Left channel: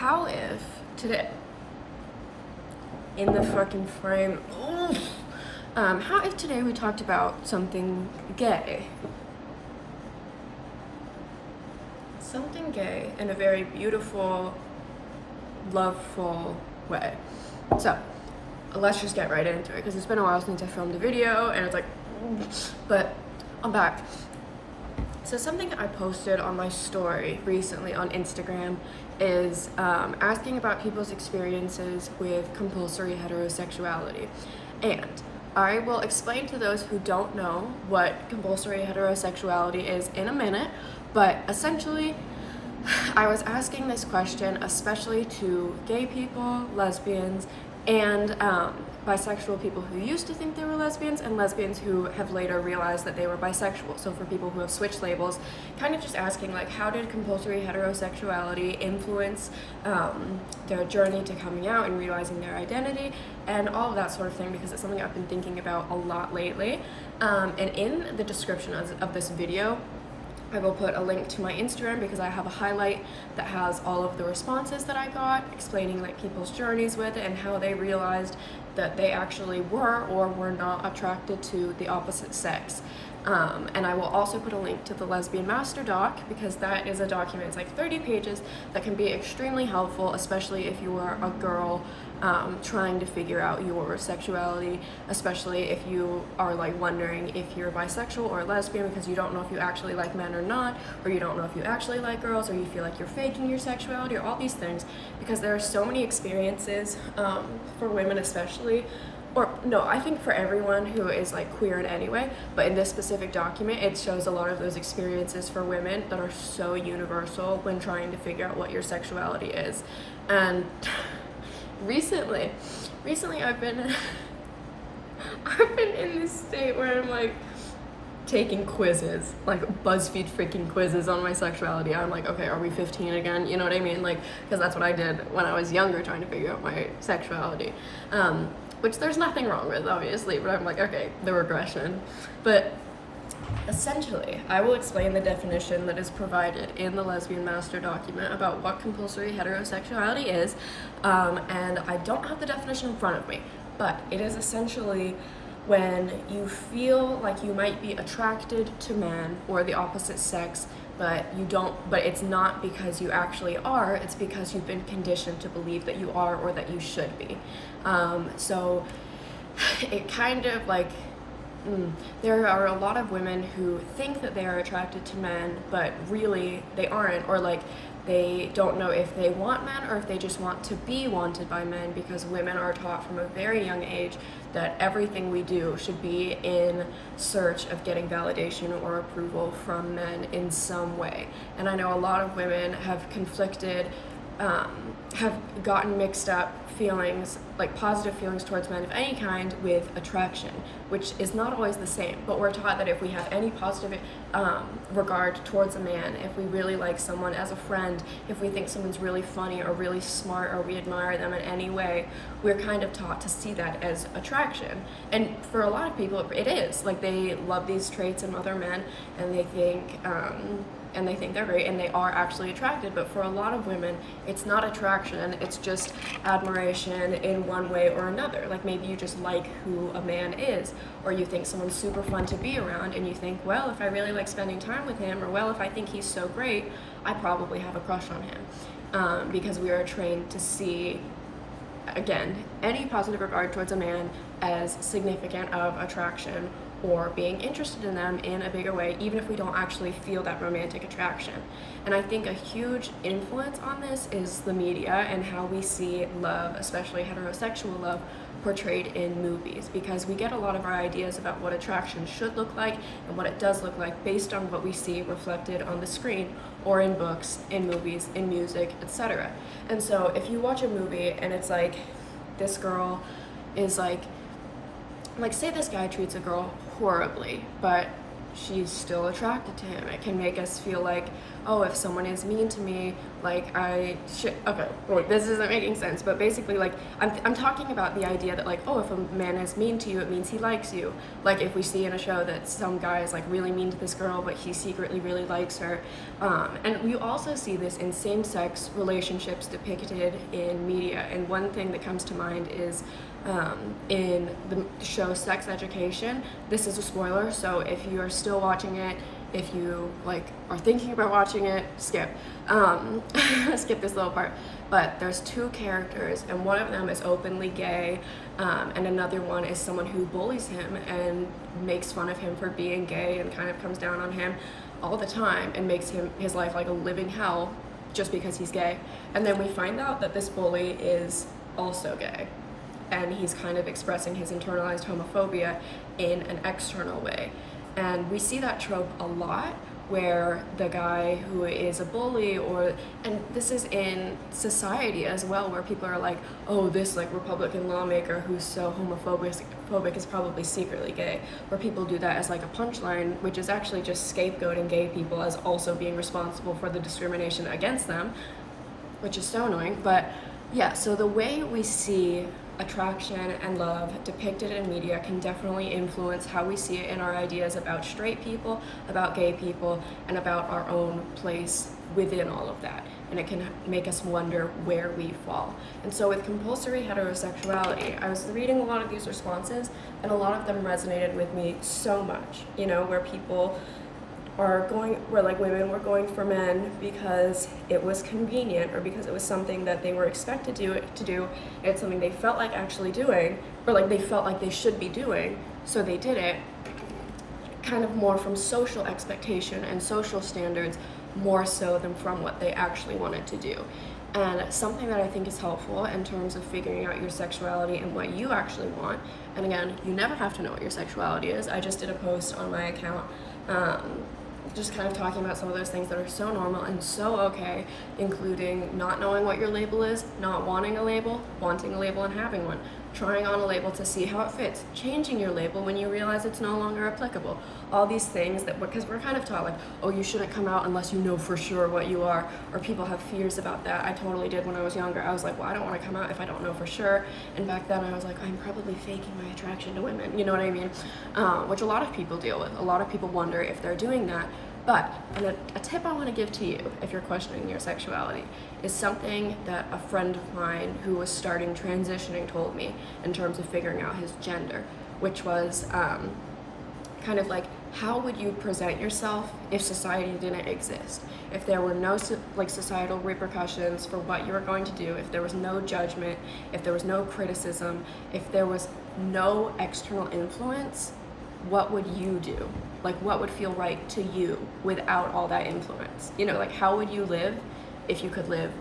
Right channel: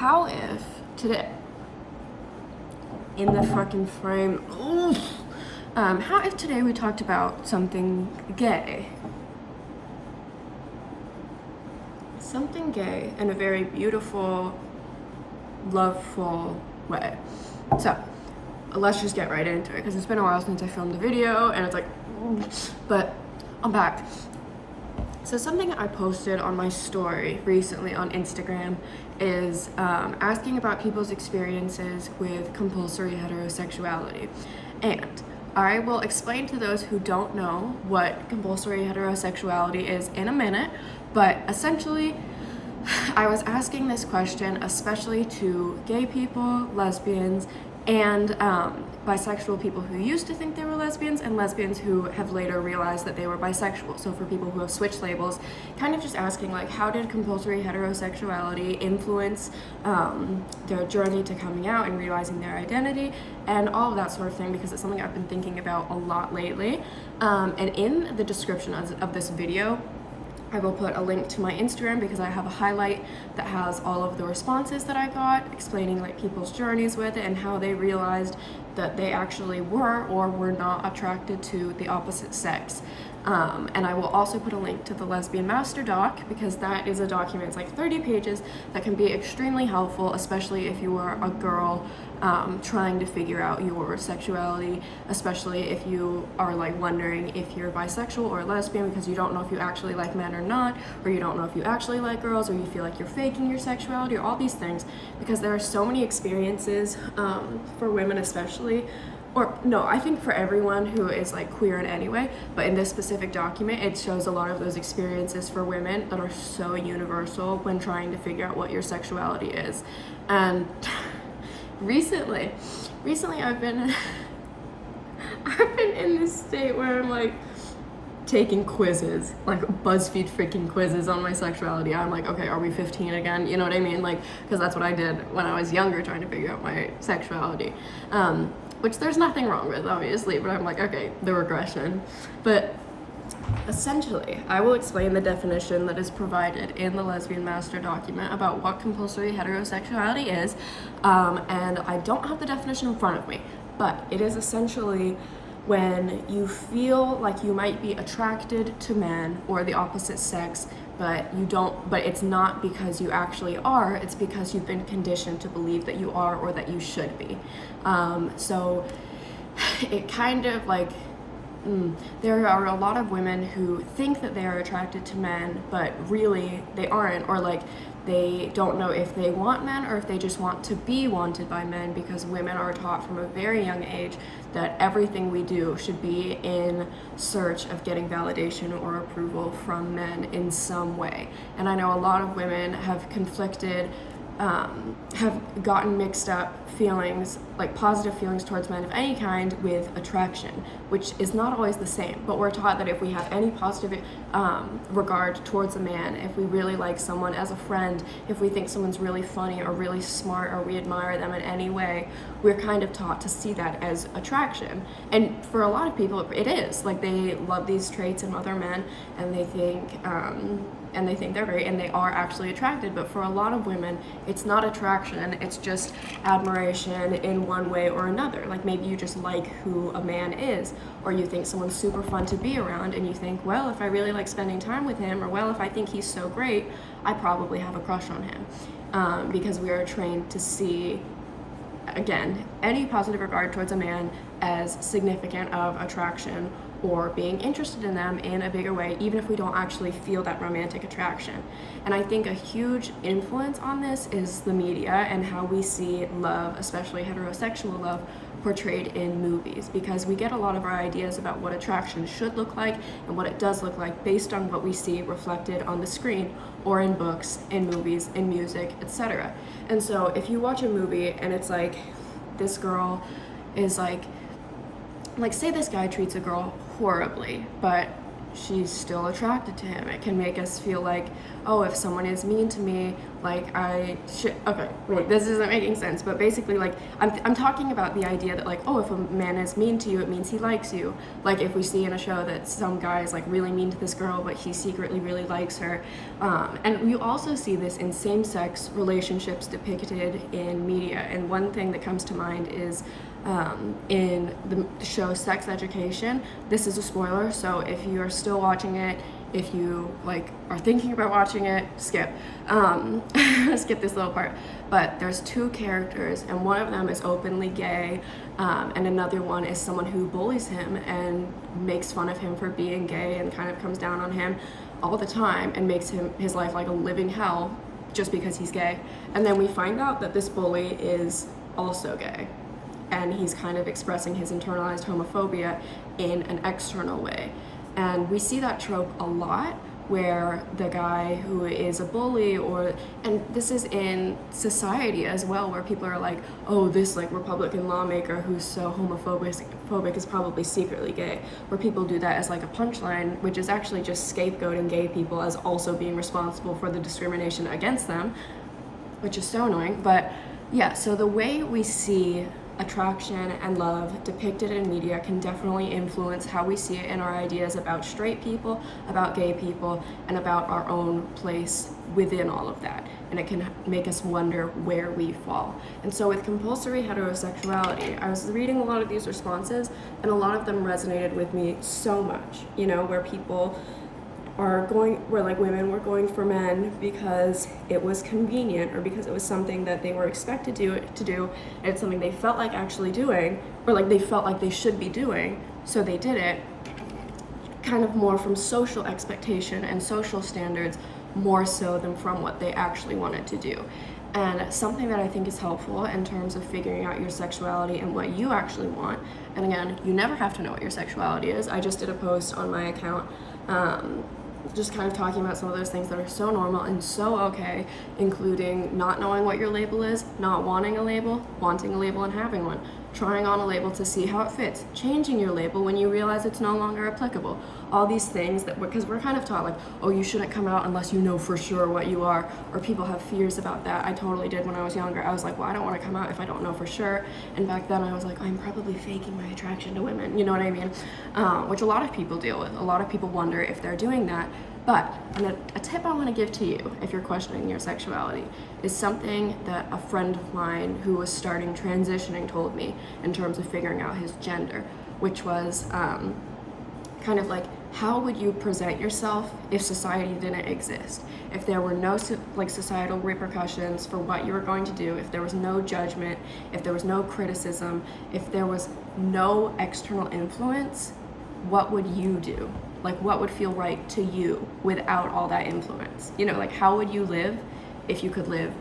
How if today, in the fucking frame, how if today we talked about something gay? Something gay in a very beautiful, loveful way. So, let's just get right into it, because it's been a while since I filmed a video, and it's like, but I'm back. So something I posted on my story recently on Instagram is asking about people's experiences with compulsory heterosexuality. And I will explain to those who don't know what compulsory heterosexuality is in a minute, but essentially I was asking this question especially to gay people, lesbians, and bisexual people who used to think they were lesbians, and lesbians who have later realized that they were bisexual. So for people who have switched labels, kind of just asking like, how did compulsory heterosexuality influence their journey to coming out and realizing their identity, and all of that sort of thing, because it's something I've been thinking about a lot lately. And in the description of this video, I will put a link to my Instagram, because I have a highlight that has all of the responses that I got, explaining like people's journeys with it and how they realized that they actually were or were not attracted to the opposite sex. And I will also put a link to the Lesbian Master Doc, because that is a document, it's like 30 pages, that can be extremely helpful, especially if you are a girl trying to figure out your sexuality, especially if you are like wondering if you're bisexual or lesbian, because you don't know if you actually like men or not, or you don't know if you actually like girls, or you feel like you're faking your sexuality, or all these things, because there are so many experiences for women especially, or no, I think for everyone who is like queer in any way, but in this specific document it shows a lot of those experiences for women that are so universal when trying to figure out what your sexuality is. And recently I've been in this state where I'm like taking quizzes, like BuzzFeed freaking quizzes on my sexuality. I'm like, okay, are we 15 again? You know what I mean? Like, because that's what I did when I was younger, trying to figure out my sexuality. Which there's nothing wrong with, obviously, but I'm like, okay, the regression. But essentially, I will explain the definition that is provided in the Lesbian Master document about what compulsory heterosexuality is, and I don't have the definition in front of me, but it is essentially when you feel like you might be attracted to men or the opposite sex, but it's not because you actually are, it's because you've been conditioned to believe that you are or that you should be. So it kind of like, there are a lot of women who think that they are attracted to men, but really they aren't, or like they don't know if they want men or if they just want to be wanted by men, because women are taught from a very young age that everything we do should be in search of getting validation or approval from men in some way. And I know a lot of women have conflicted, have gotten mixed up feelings, like positive feelings towards men of any kind, with attraction, which is not always the same. But we're taught that if we have any positive regard towards a man, if we really like someone as a friend, if we think someone's really funny or really smart, or we admire them in any way, we're kind of taught to see that as attraction. And for a lot of people, it is. Like, they love these traits in other men, and they think they're great, and they are actually attracted. But for a lot of women, it's not attraction, it's just admiration in one way or another. Like, maybe you just like who a man is, or you think someone's super fun to be around, and you think, well, if I really like spending time with him, or well, if I think he's so great, I probably have a crush on him. Because we are trained to see, again, any positive regard towards a man as significant of attraction or being interested in them in a bigger way, even if we don't actually feel that romantic attraction. And I think a huge influence on this is the media and how we see love, especially heterosexual love, portrayed in movies, because we get a lot of our ideas about what attraction should look like and what it does look like based on what we see reflected on the screen or in books, in movies, in music, etc. And so if you watch a movie and it's like, this girl is like say this guy treats a girl horribly, but she's still attracted to him, it can make us feel like, oh, if someone is mean to me, like I should, okay, wait, this isn't making sense, but basically like I'm talking about the idea that like, oh, if a man is mean to you, it means he likes you. Like if we see in a show that some guy is like really mean to this girl, but he secretly really likes her. And we also see this in same-sex relationships depicted in media. And one thing that comes to mind is in the show Sex Education. This is a spoiler, so if you are still watching it, if you like are thinking about watching it, skip skip this little part. But there's two characters, and one of them is openly gay, and another one is someone who bullies him and makes fun of him for being gay and kind of comes down on him all the time and makes his life like a living hell just because he's gay. And then we find out that this bully is also gay, and he's kind of expressing his internalized homophobia in an external way. And we see that trope a lot, where the guy who is a bully, and this is in society as well, where people are like, oh, this like Republican lawmaker who's so homophobic is probably secretly gay, where people do that as like a punchline, which is actually just scapegoating gay people as also being responsible for the discrimination against them, which is so annoying. But yeah, so the way we see attraction and love depicted in media can definitely influence how we see it in our ideas about straight people, about gay people, and about our own place within all of that. And it can make us wonder where we fall. And so with compulsory heterosexuality, I was reading a lot of these responses, and a lot of them resonated with me so much, you know, where people where like women were going for men because it was convenient, or because it was something that they were expected to do, and it's something they felt like actually doing, or like they felt like they should be doing, so they did it, kind of more from social expectation and social standards, more so than from what they actually wanted to do. And something that I think is helpful in terms of figuring out your sexuality and what you actually want, and again, you never have to know what your sexuality is. I just did a post on my account just kind of talking about some of those things that are so normal and so okay, including not knowing what your label is, not wanting a label, wanting a label and having one, trying on a label to see how it fits, changing your label when you realize it's no longer applicable. All these things that, because we're kind of taught like, oh, you shouldn't come out unless you know for sure what you are, or people have fears about that. I totally did when I was younger. I was like, well, I don't want to come out if I don't know for sure. And back then I was like, I'm probably faking my attraction to women, you know what I mean? Which a lot of people deal with. A lot of people wonder if they're doing that. But a tip I want to give to you if you're questioning your sexuality is something that a friend of mine who was starting transitioning told me in terms of figuring out his gender, which was kind of like, how would you present yourself if society didn't exist? If there were no like societal repercussions for what you were going to do, if there was no judgment, if there was no criticism, if there was no external influence, what would you do? Like, what would feel right to you without all that influence? You know, like, how would you live if you could live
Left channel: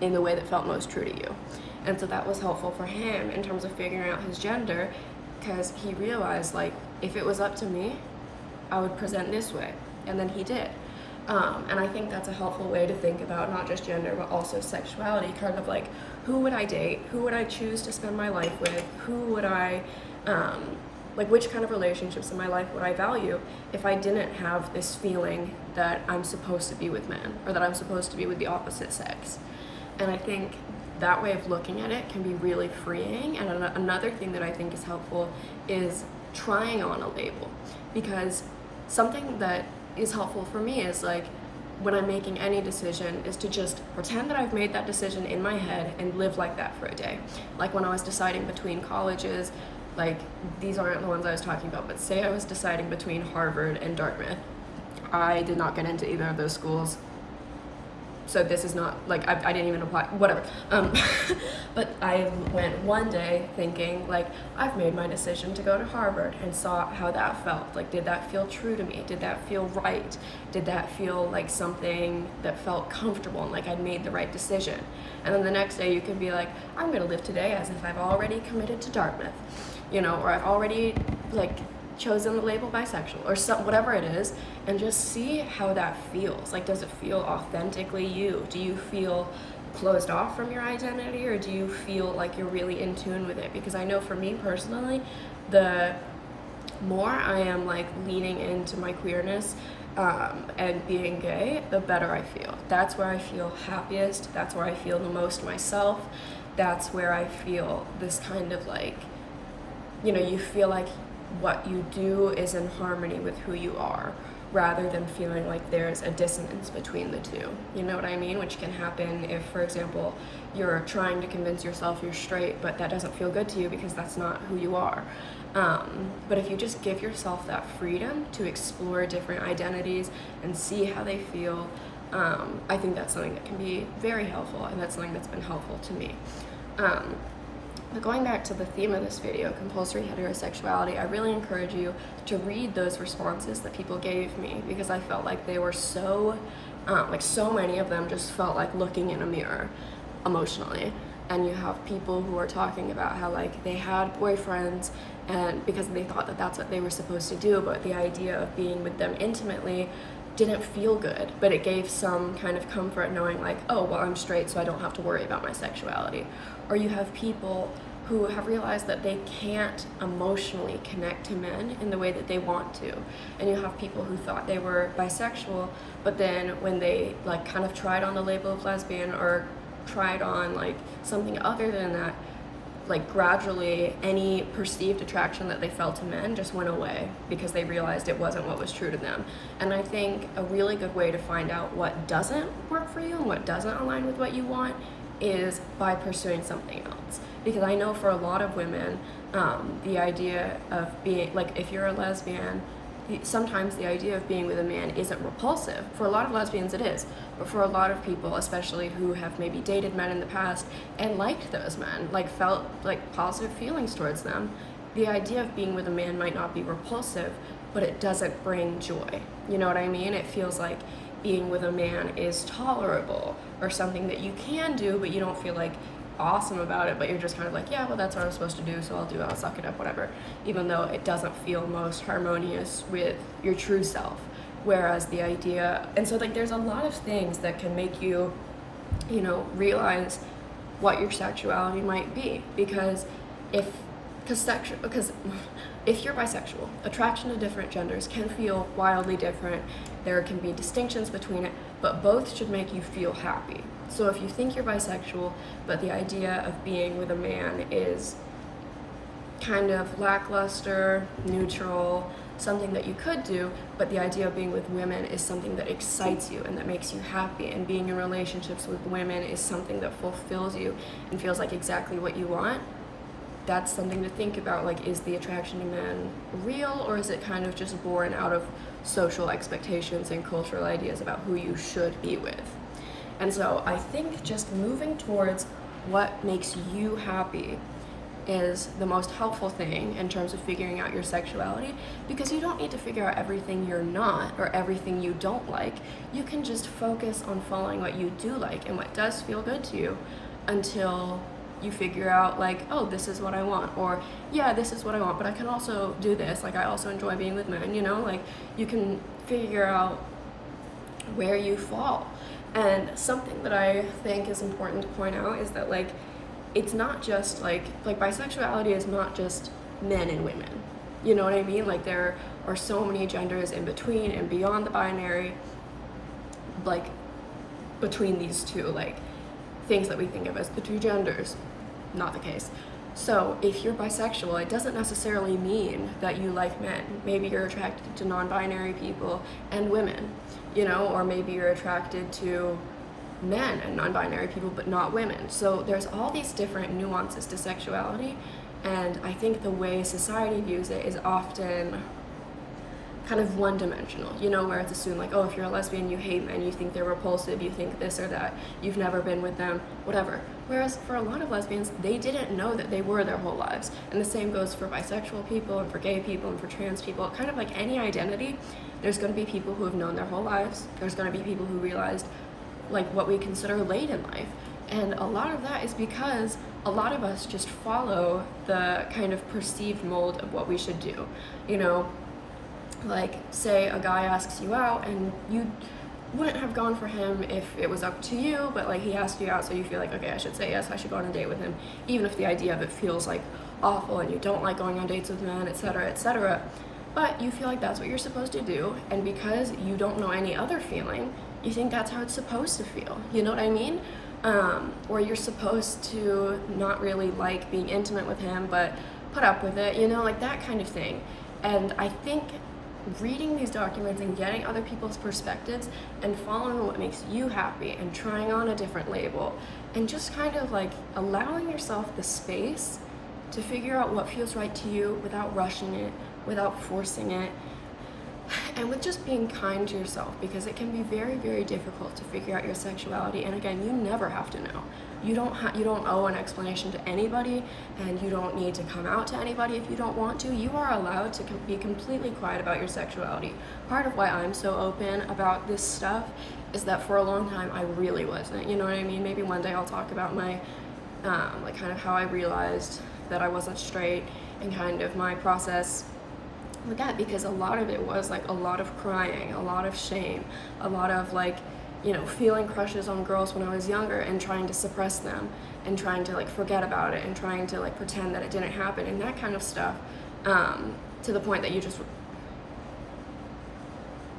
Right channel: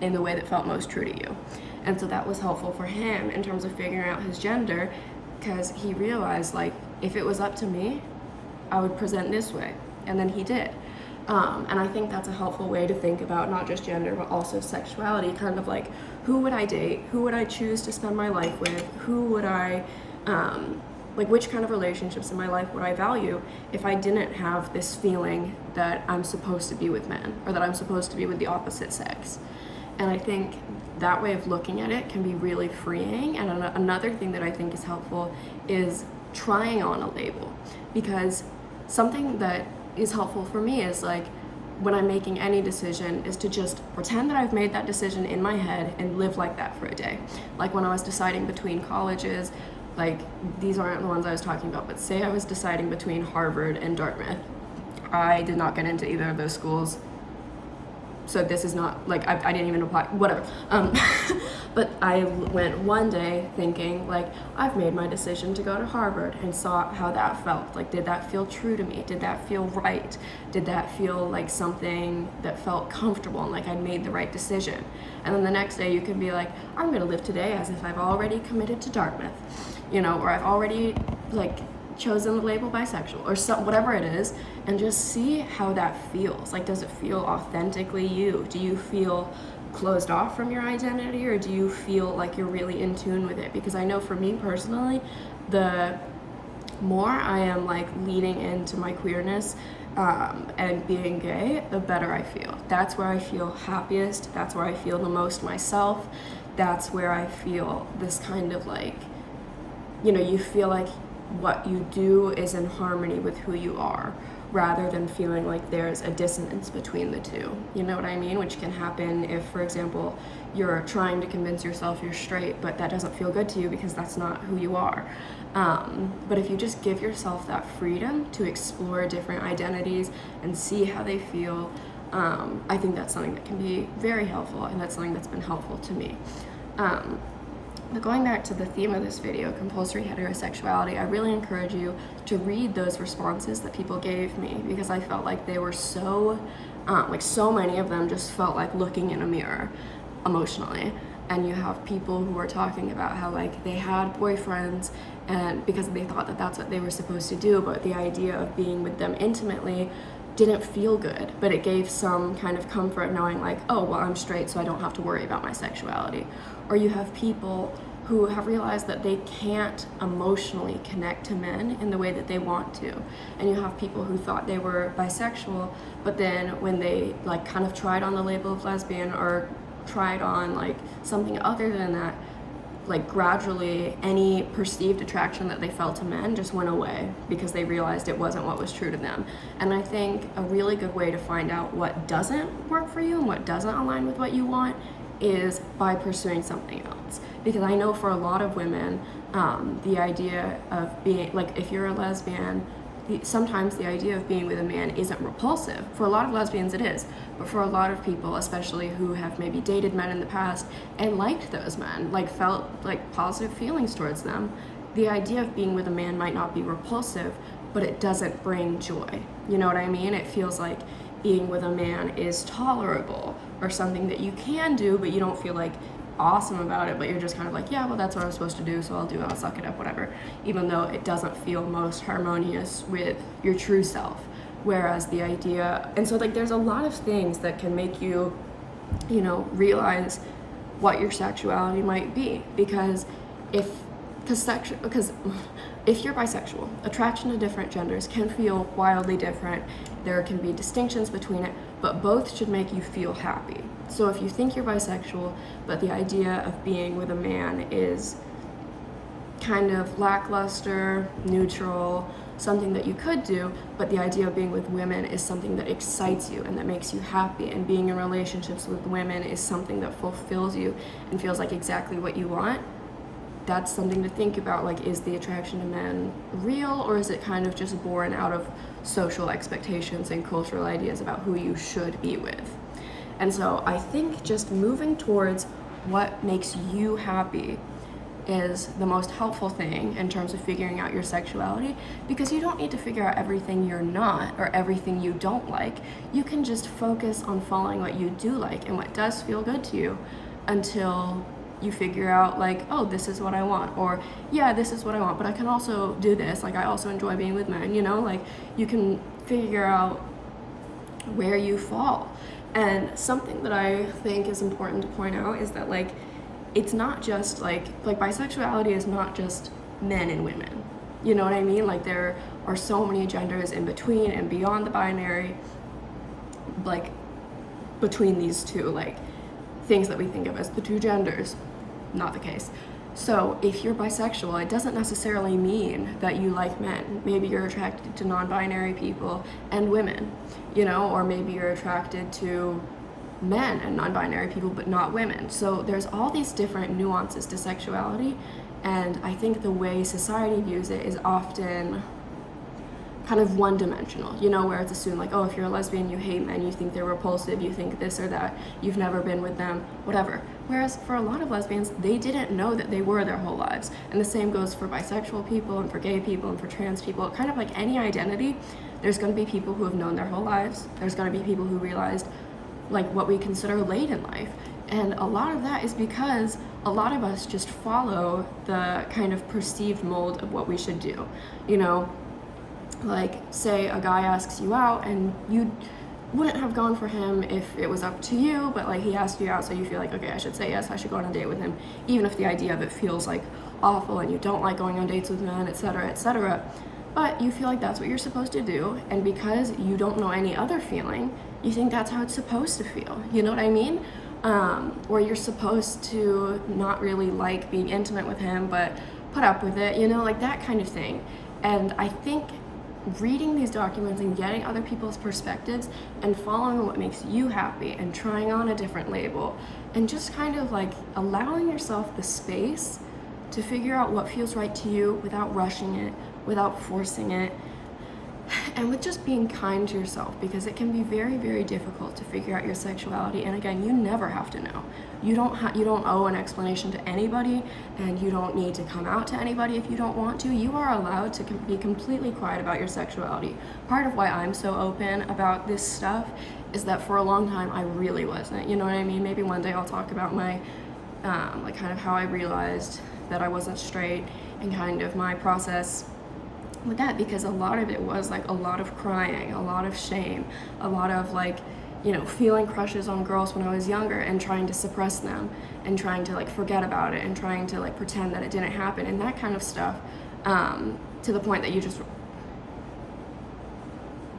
in the way that felt most true to you? And so that was helpful for him in terms of figuring out his gender, because he realized, like, if it was up to me, I would present this way. And then he did. And I think that's a helpful way to think about not just gender, but also sexuality, kind of like, who would I date? Who would I choose to spend my life with? Who would I, like, which kind of relationships in my life would I value if I didn't have this feeling that I'm supposed to be with men, or that I'm supposed to be with the opposite sex? And I think that way of looking at it can be really freeing. And another thing that I think is helpful is trying on a label, because something that is helpful for me is like, when I'm making any decision, is to just pretend that I've made that decision in my head and live like that for a day. Like when I was deciding between colleges, like, these aren't the ones I was talking about, but say I was deciding between Harvard and Dartmouth. I did not get into either of those schools, so this is not, like, I didn't even apply, whatever. But I went one day thinking, like, I've made my decision to go to Harvard, and saw how that felt. Like, did that feel true to me? Did that feel right? Did that feel like something that felt comfortable and like I'd made the right decision? And then the next day you can be like, I'm gonna live today as if I've already committed to Dartmouth, you know, or I've already, like, chosen the label bisexual, or whatever it is, and just see how that feels. Like, does it feel authentically you? Do you feel closed off from your identity, or do you feel like you're really in tune with it? Because I know for me personally, the more I am like leaning into my queerness and being gay, the better I feel. That's where I feel happiest. That's where I feel the most myself. That's where I feel this kind of like, you know, you feel like what you do is in harmony with who you are, rather than feeling like there's a dissonance between the two. You know what I mean? Which can happen if, for example, you're trying to convince yourself you're straight, but that doesn't feel good to you because that's not who you are. But if you just give yourself that freedom to explore different identities and see how they feel, I think that's something that can be very helpful, and that's something that's been helpful to me. But going back to the theme of this video, compulsory heterosexuality, I really encourage you to read those responses that people gave me, because I felt like they were so, like so many of them just felt like looking in a mirror emotionally. And you have people who are talking about how like they had boyfriends and because they thought that that's what they were supposed to do, but the idea of being with them intimately didn't feel good, but it gave some kind of comfort knowing like, oh, well, I'm straight, so I don't have to worry about my sexuality. Or you have people who have realized that they can't emotionally connect to men in the way that they want to. And you have people who thought they were bisexual, but then when they like kind of tried on the label of lesbian or tried on like something other than that, like gradually any perceived attraction that they felt to men just went away because they realized it wasn't what was true to them. And I think a really good way to find out what doesn't work for you and what doesn't align with what you want is by pursuing something else. Because I know for a lot of women, the idea of being, like if you're a lesbian, sometimes the idea of being with a man isn't repulsive. For a lot of lesbians it is, but for a lot of people, especially who have maybe dated men in the past and liked those men, like felt like positive feelings towards them, the idea of being with a man might not be repulsive, but it doesn't bring joy. You know what I mean? It feels like being with a man is tolerable or something that you can do, but you don't feel like awesome about it, but you're just kind of like, yeah, well, that's what I'm supposed to do, so I'll do it, I'll suck it up, whatever, even though it doesn't feel most harmonious with your true self. Whereas the idea, and so like there's a lot of things that can make you, you know, realize what your sexuality might be, because if you're bisexual, attraction to different genders can feel wildly different. There can be distinctions between it, but both should make you feel happy. So if you think you're bisexual, but the idea of being with a man is kind of lackluster, neutral, something that you could do, but the idea of being with women is something that excites you and that makes you happy, and being in relationships with women is something that fulfills you and feels like exactly what you want, that's something to think about. Like, is the attraction to men real, or is it kind of just born out of social expectations and cultural ideas about who you should be with? And so I think just moving towards what makes you happy is the most helpful thing in terms of figuring out your sexuality, because you don't need to figure out everything you're not or everything you don't like. You can just focus on following what you do like and what does feel good to you until you figure out like, oh, this is what I want, or yeah, this is what I want, but I can also do this. Like, I also enjoy being with men, you know, like you can figure out where you fall. And something that I think is important to point out is that like, it's not just like bisexuality is not just men and women. You know what I mean? Like, there are so many genders in between and beyond the binary, like between these two, like things that we think of as the two genders. Not the case. So if you're bisexual, it doesn't necessarily mean that you like men. Maybe you're attracted to non-binary people and women, you know, or maybe you're attracted to men and non-binary people but not women. So there's all these different nuances to sexuality, and I think the way society views it is often kind of one-dimensional, you know, where it's assumed like, oh, if you're a lesbian, you hate men, you think they're repulsive, you think this or that, you've never been with them, whatever. Whereas for a lot of lesbians, they didn't know that they were their whole lives. And the same goes for bisexual people and for gay people and for trans people. Kind of like any identity, there's going to be people who have known their whole lives. There's going to be people who realized like what we consider late in life. And a lot of that is because a lot of us just follow the kind of perceived mold of what we should do, you know. Like, say a guy asks you out and you wouldn't have gone for him if it was up to you, but like he asked you out, so you feel like, okay, I should say yes, I should go on a date with him, even if the idea of it feels like awful and you don't like going on dates with men, etc., etc. but you feel like that's what you're supposed to do, and because you don't know any other feeling, you think that's how it's supposed to feel. You know what I mean? Or you're supposed to not really like being intimate with him, but put up with it, you know, like that kind of thing. And I think reading these documents and getting other people's perspectives and following what makes you happy and trying on a different label and just kind of like allowing yourself the space to figure out what feels right to you without rushing it, without forcing it, and with just being kind to yourself, because it can be very, very difficult to figure out your sexuality. And again, you never have to know. You don't owe an explanation to anybody, and you don't need to come out to anybody if you don't want to. You are allowed to be completely quiet about your sexuality. Part of why I'm so open about this stuff is that for a long time I really wasn't. You know what I mean? Maybe one day I'll talk about my like kind of how I realized that I wasn't straight and kind of my process with that, because a lot of it was like a lot of crying, a lot of shame, a lot of like, you know, feeling crushes on girls when I was younger and trying to suppress them and trying to like forget about it and trying to like pretend that it didn't happen and that kind of stuff, to the point that you just,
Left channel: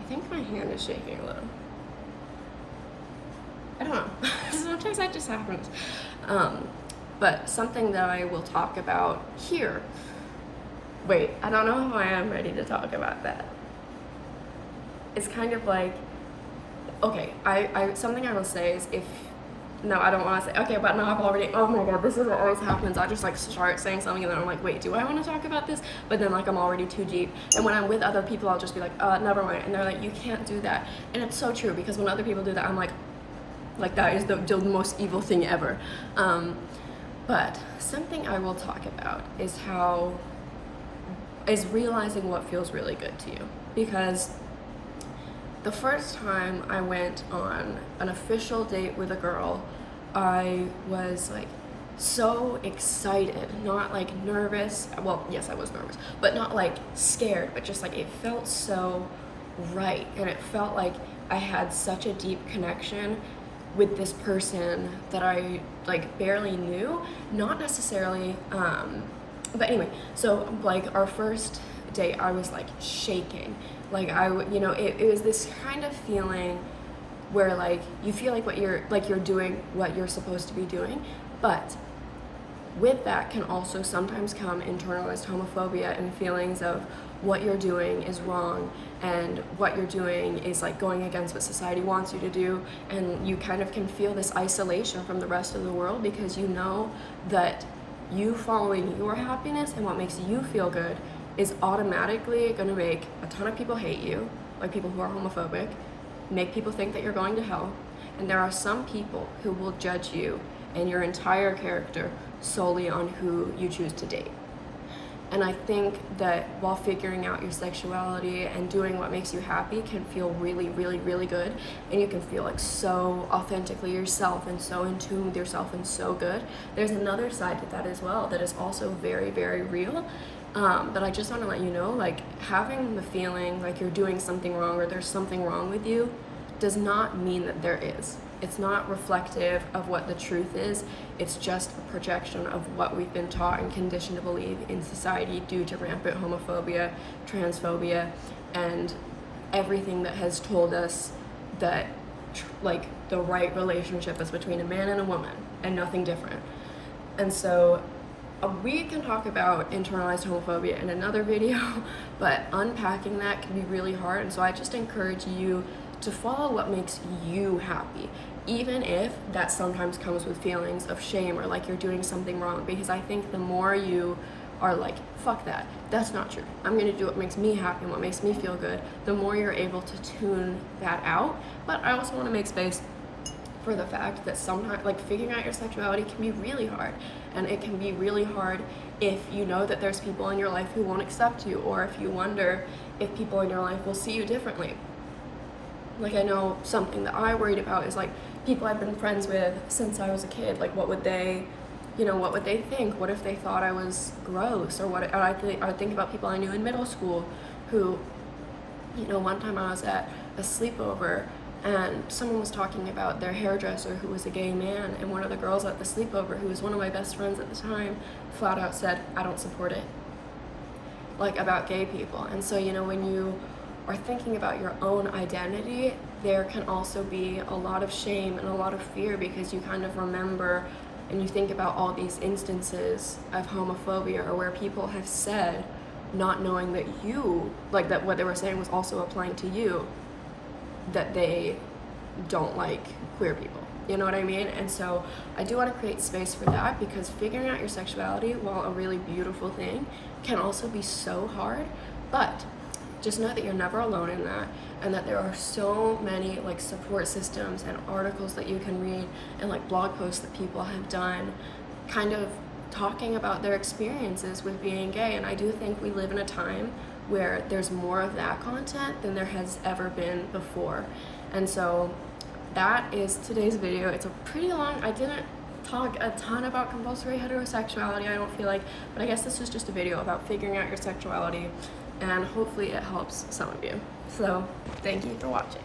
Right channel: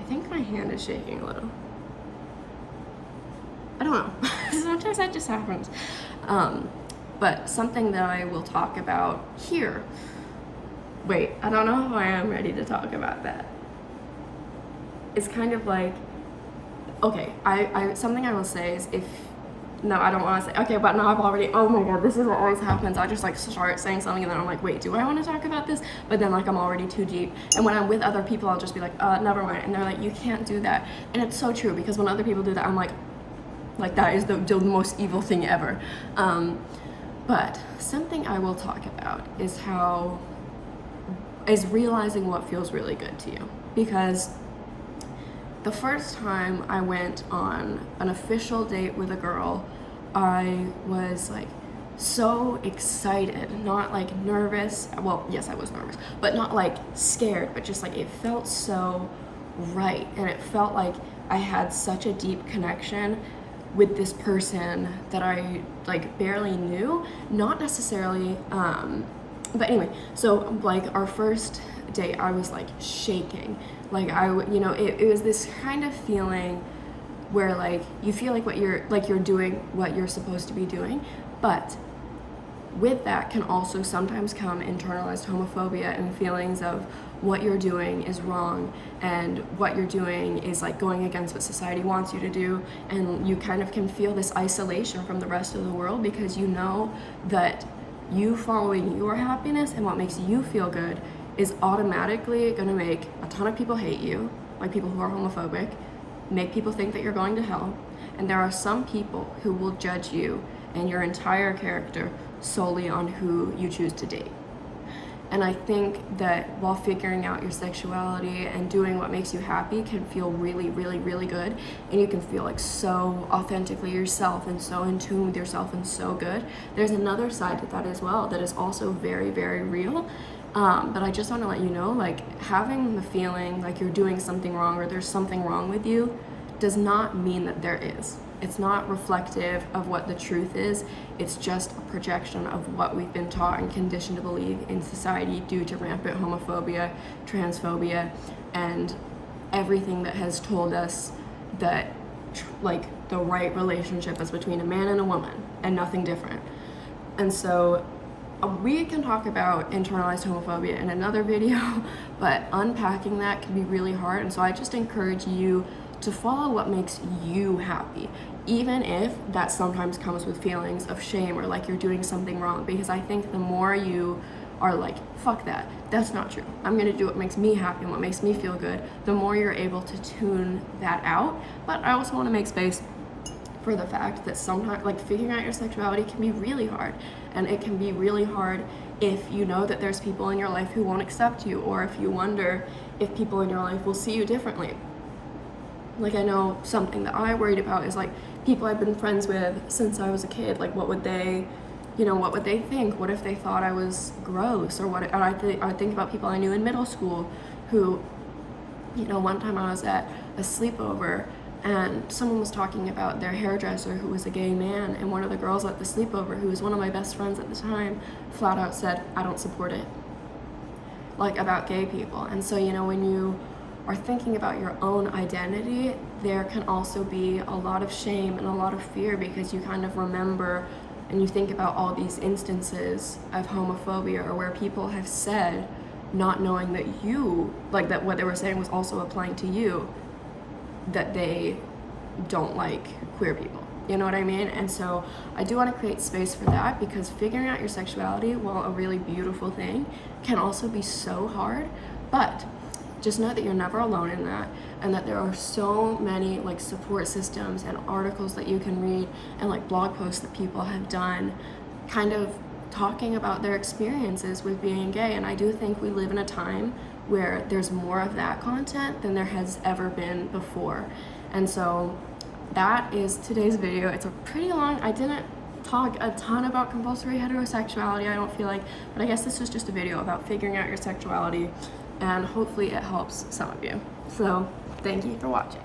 I think my hand is shaking a little. I don't know. Sometimes that just happens. But something that I will talk about here. Wait, I don't know if I am ready to talk about that. It's kind of like, okay, I something I will say is no, I don't want to say, okay, but now I've already, oh my god, this is what always happens. I just like start saying something and then I'm like, wait, do I want to talk about this? But then like I'm already too deep. And when I'm with other people, I'll just be like, never mind. And they're like, you can't do that. And it's so true, because when other people do that, I'm like that is the most evil thing ever. But something I will talk about is realizing what feels really good to you. Because the first time I went on an official date with a girl, I was like so excited, not like nervous. Well, yes, I was nervous, but not like scared, but just like it felt so right. And it felt like I had such a deep connection with this person that I like barely knew, not necessarily, but anyway, so like our first date, I was like shaking. Like it was this kind of feeling where like you feel like you're doing what you're supposed to be doing, but with that can also sometimes come internalized homophobia and feelings of what you're doing is wrong and what you're doing is like going against what society wants you to do, and you kind of can feel this isolation from the rest of the world because you know that you following your happiness and what makes you feel good is automatically going to make a ton of people hate you, like people who are homophobic, make people think that you're going to hell, and there are some people who will judge you and your entire character solely on who you choose to date. And I think that while figuring out your sexuality and doing what makes you happy can feel really, really, really good, and you can feel like so authentically yourself and so in tune with yourself and so good, there's another side to that as well that is also very, very real. But I just want to let you know, like, having the feeling like you're doing something wrong or there's something wrong with you does not mean that there is. It's not reflective of what the truth is. It's just a projection of what we've been taught and conditioned to believe in society due to rampant homophobia, transphobia, and everything that has told us that like the right relationship is between a man and a woman and nothing different. And so we can talk about internalized homophobia in another video, but unpacking that can be really hard. And so I just encourage you to follow what makes you happy, even if that sometimes comes with feelings of shame or like you're doing something wrong, because I think the more you are like, fuck that, that's not true, I'm gonna do what makes me happy and what makes me feel good, the more you're able to tune that out. But I also want to make space for the fact that sometimes like figuring out your sexuality can be really hard, and it can be really hard if you know that there's people in your life who won't accept you, or if you wonder if people in your life will see you differently. Like, I know something that I worried about is like people I've been friends with since I was a kid, like what would they think? What if they thought I was gross? Or what? I would think about people I knew in middle school who, one time I was at a sleepover and someone was talking about their hairdresser who was a gay man, and one of the girls at the sleepover, who was one of my best friends at the time, flat out said, I don't support it. like about gay people. And so, you know, when you are thinking about your own identity, there can also be a lot of shame and a lot of fear, because you kind of remember and you think about all these instances of homophobia, or where people have said, not knowing that you, like that what they were saying was also applying to you, that they don't like queer people. You know what I mean? And so I do want to create space for that, because figuring out your sexuality, while a really beautiful thing, can also be so hard. But just know that you're never alone in that, and that there are so many like support systems and articles that you can read, and like blog posts that people have done kind of talking about their experiences with being gay. And I do think we live in a time where there's more of that content than there has ever been before. And so that is today's video. It's a pretty long, I didn't talk a ton about compulsory heterosexuality, I don't feel like, but I guess this was just a video about figuring out your sexuality, and hopefully it helps some of you. So thank you for watching.